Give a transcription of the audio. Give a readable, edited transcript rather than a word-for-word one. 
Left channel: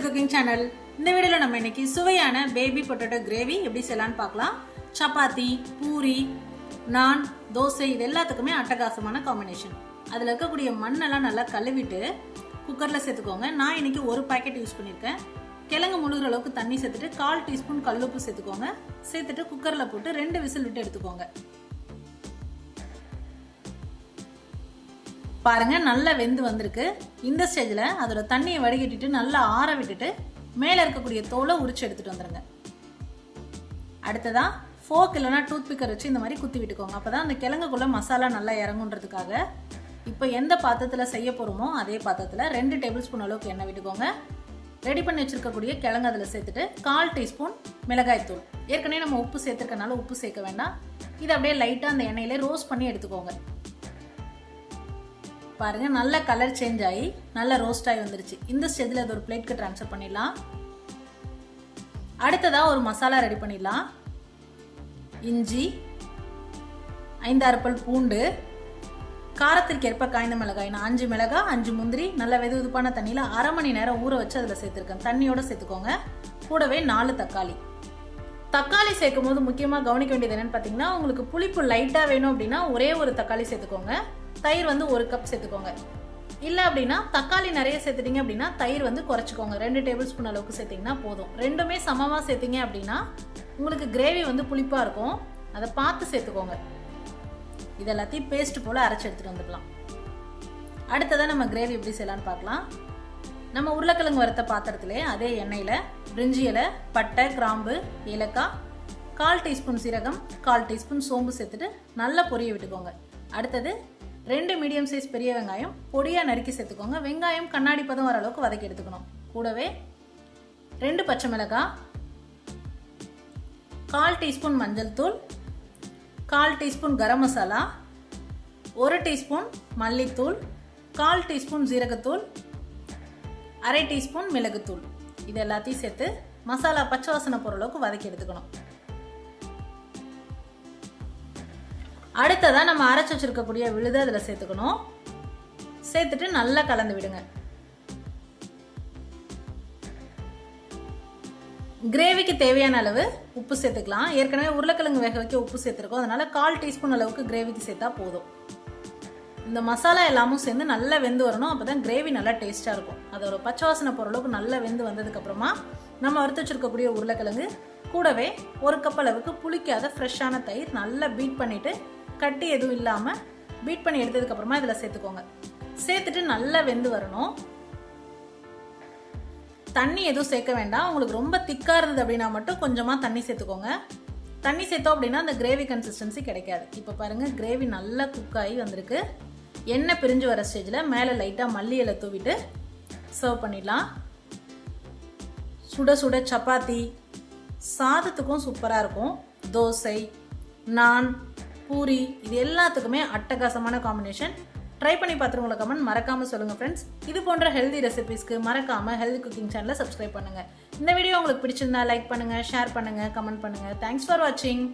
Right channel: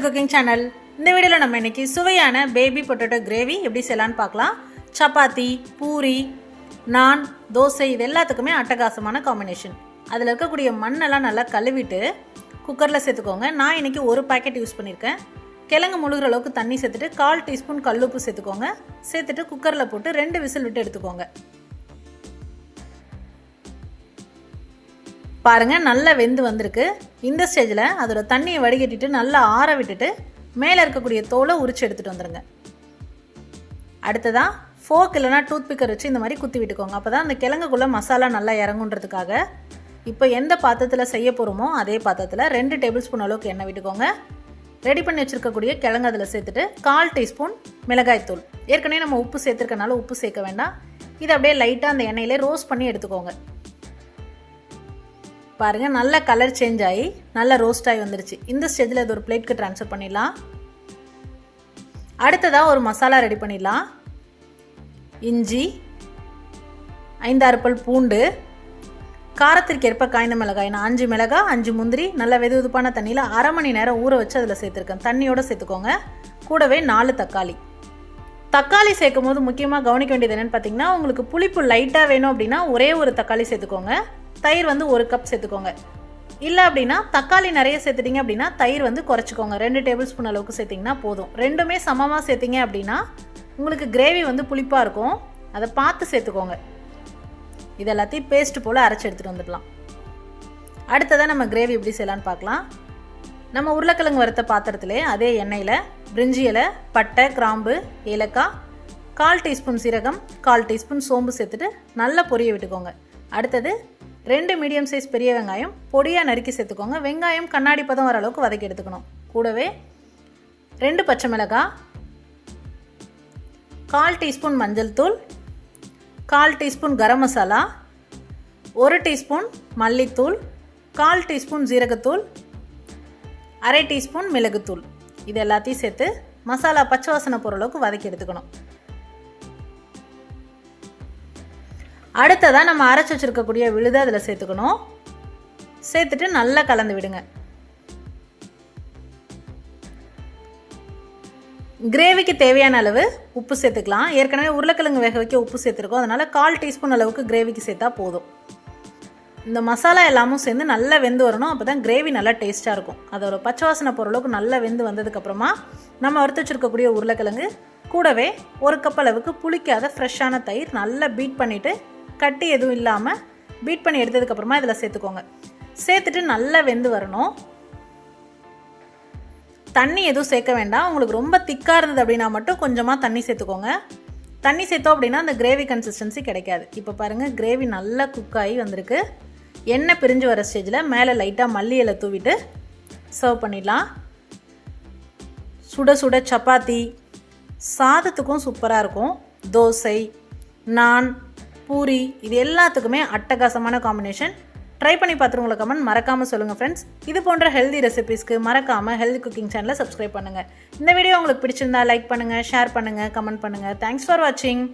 Healthy cooking channel. இந்த வீடியோவில் நம்ம இன்னைக்கு சுவையான பேபி பொட்டேட்டோ கிரேவி எப்படி செய்யலான்னு பார்க்கலாம். சப்பாத்தி, பூரி, நான், தோசை இது எல்லாத்துக்குமே அட்டகாசமான காம்பினேஷன். அதில் இருக்கக்கூடிய மண்ணெல்லாம் நல்லா கழுவிட்டு குக்கரில் சேர்த்துக்கோங்க. நான் இன்னைக்கு ஒரு பாக்கெட் யூஸ் பண்ணியிருக்கேன். கிழங்கு முழுகிற அளவுக்கு தண்ணி சேர்த்துட்டு 1/4 டீஸ்பூன் கல்லுப்பு சேர்த்துக்கோங்க. சேர்த்துட்டு குக்கரில் போட்டு 2 விசில் விட்டு எடுத்துக்கோங்க. பாருங்க, நல்லா வெந்து வந்திருக்கு. இந்த ஸ்டேஜில் அதோட தண்ணியை வடிகட்டிட்டு நல்லா ஆற விட்டுட்டு மேலே இருக்கக்கூடிய தோலை உரிச்சு எடுத்துகிட்டு வந்துடுங்க. அடுத்ததான் ஃபோக் இல்லைனா டூத் பிக்கர் வச்சு இந்த மாதிரி குத்தி விட்டுக்கோங்க. அப்போ தான் அந்த கிழங்குக்குள்ளே மசாலா நல்லா இறங்குன்றதுக்காக. இப்போ எந்த பாத்திரத்தில் செய்ய போகிறோமோ அதே பாத்திரத்தில் 2 டேபிள் ஸ்பூன் அளவுக்கு எண்ணெய் விட்டுக்கோங்க. ரெடி பண்ணி வச்சுருக்கக்கூடிய கிழங்கு அதில் சேர்த்துட்டு 1/4 டீஸ்பூன் மிளகாய்த்தூள். ஏற்கனவே நம்ம உப்பு சேர்த்துருக்கனால உப்பு சேர்க்க வேண்டாம். இதை அப்படியே லைட்டாக அந்த எண்ணெயிலே ரோஸ்ட் பண்ணி எடுத்துக்கோங்க. பாருங்கள், நல்ல கலர் சேஞ்ச் ஆகி நல்லா ரோஸ்ட் ஆகி வந்துருச்சு. இந்த ஸ்டேஜில் இது ஒரு பிளேட்க்கு ட்ரான்ஸ்ஃபர் பண்ணிடலாம். அடுத்ததாக ஒரு மசாலா ரெடி பண்ணிடலாம். இஞ்சி, 5-6 பல் பூண்டு, காரத்திற்கு ஏற்ப காய்ந்த மிளகாய். நான் 5 மிளகாய், 5 முந்திரி நல்லா வெதுவெதுப்பான தண்ணியில் 1/2 மணி நேரம் ஊற வச்சு அதில் சேர்த்துருக்கேன். தண்ணியோடு சேர்த்துக்கோங்க. கூடவே 4 தக்காளி. தக்காளி சேர்க்கும் போது முக்கியமாக கவனிக்க வேண்டியது என்னென்னு பார்த்தீங்கன்னா, உங்களுக்கு புளிப்பு லைட்டாக வேணும் அப்படின்னா ஒரே ஒரு தக்காளி சேர்த்துக்கோங்க. தயிர் 1 கப் சேர்த்துக்கோங்க. இல்லை அப்படின்னா தக்காளி நிறைய சேர்த்துட்டிங்க அப்படின்னா தயிர் குறைச்சிக்கோங்க. 2 டேபிள் ஸ்பூன் அளவுக்கு சேர்த்திங்கன்னா போதும். ரெண்டுமே சமமாக சேர்த்திங்க அப்படின்னா உங்களுக்கு கிரேவி புளிப்பாக இருக்கும். அதை பார்த்து சேர்த்துக்கோங்க. இது எல்லாத்தையும் பேஸ்ட் போல் அரைச்சி எடுத்துகிட்டு வந்துடலாம். அடுத்ததான் நம்ம கிரேவி எப்படி செய்யலான்னு பார்க்கலாம். நம்ம உருளைக்கிழங்கு வறுத்த பாத்திரத்திலே அதே எண்ணெயில் பிரிஞ்சி இலை, பட்டை, கிராம்பு, ஏலக்காய், 1/4 டீஸ்பூன் சீரகம், 1/4 டீஸ்பூன் சோம்பு சேர்த்துட்டு நல்லா பொரிய விட்டுக்கோங்க. அடுத்தது 2 மீடியம் சைஸ் பெரிய வெங்காயம் பொடியாக நறுக்கி சேர்த்துக்கோங்க. வெங்காயம் கண்ணாடி பதம் வர அளவுக்கு வதக்கி எடுத்துக்கணும். கூடவே 2 பச்சை மிளகாய், 1/4 டீஸ்பூன் மஞ்சள் தூள், 1/4 டீஸ்பூன் கரம் மசாலா, 1 டீஸ்பூன் மல்லித்தூள், 1/4 டீஸ்பூன் ஜீரகத்தூள், 1/2 டீஸ்பூன் மிளகுத்தூள். இது எல்லாத்தையும் சேர்த்து மசாலா பச்சை வாசனை போகிற அளவுக்கு வதக்கி எடுத்துக்கணும். அடுத்ததாக நம்ம அரைச்சி வச்சுருக்கக்கூடிய விழுதை அதில் சேர்த்துக்கணும். சேர்த்துட்டு நல்லா கலந்து விடுங்க. கிரேவிக்கு தேவையான அளவு உப்பு சேர்த்துக்கலாம். ஏற்கனவே உருளைக்கிழங்கு வேக வைக்க உப்பு சேர்த்துருக்கோம். அதனால் 1/4 டீஸ்பூன் அளவுக்கு கிரேவிக்கு சேர்த்தா போதும். இந்த மசாலா எல்லாமும் சேர்ந்து நல்லா வெந்து வரணும். அப்போ தான் கிரேவி நல்லா டேஸ்ட்டாக இருக்கும். அதோட பச்சை வாசனை போகிற அளவுக்கு நல்லா வெந்து வந்ததுக்கப்புறமா நம்ம வறுத்து வச்சுருக்கக்கூடிய உருளைக்கிழங்கு கூடவே 1 கப் அளவுக்கு புளிக்காத ஃப்ரெஷ்ஷான தயிர் நல்லா பீட் பண்ணிவிட்டு கட்டி எதுவும் இல்லாமல் பீட் பண்ணி எடுத்ததுக்கப்புறமா இதில் சேர்த்துக்கோங்க. சேர்த்துட்டு நல்லா வெந்து வரணும். தண்ணி எதுவும் சேர்க்க வேண்டாம். உங்களுக்கு ரொம்ப திக்காக இருந்தது அப்படின்னா மட்டும் கொஞ்சமாக தண்ணி சேர்த்துக்கோங்க. தண்ணி சேர்த்தோம் அப்படின்னா அந்த கிரேவி கன்சிஸ்டன்சி கிடைக்காது. இப்போ பாருங்கள், கிரேவி நல்லா குக் ஆகி வந்திருக்கு. எண்ணெய் பிரிஞ்சு வர ஸ்டேஜில் மேலே லைட்டாக மல்லி இலை தூவிட்டு சர்வ் பண்ணிடலாம். சுட சுட சப்பாத்தி, சாதத்துக்கும் சூப்பராக இருக்கும். தோசை, நான், பூரி இது எல்லாத்துக்குமே அட்டகாசமான காம்பினேஷன். ட்ரை பண்ணி பார்த்துட்டு உங்களை கமெண்ட் மறக்காமல் சொல்லுங்கள் ஃப்ரெண்ட்ஸ். இது போன்ற ஹெல்தி ரெசிபீஸ்க்கு மறக்காமல் ஹெல்தி குக்கிங் சேனலை சப்ஸ்கிரைப் பண்ணுங்கள். இந்த வீடியோ உங்களுக்கு பிடிச்சிருந்தா லைக் பண்ணுங்கள், ஷேர் பண்ணுங்கள், கமெண்ட் பண்ணுங்கள். தேங்க்ஸ் ஃபார் வாட்சிங்.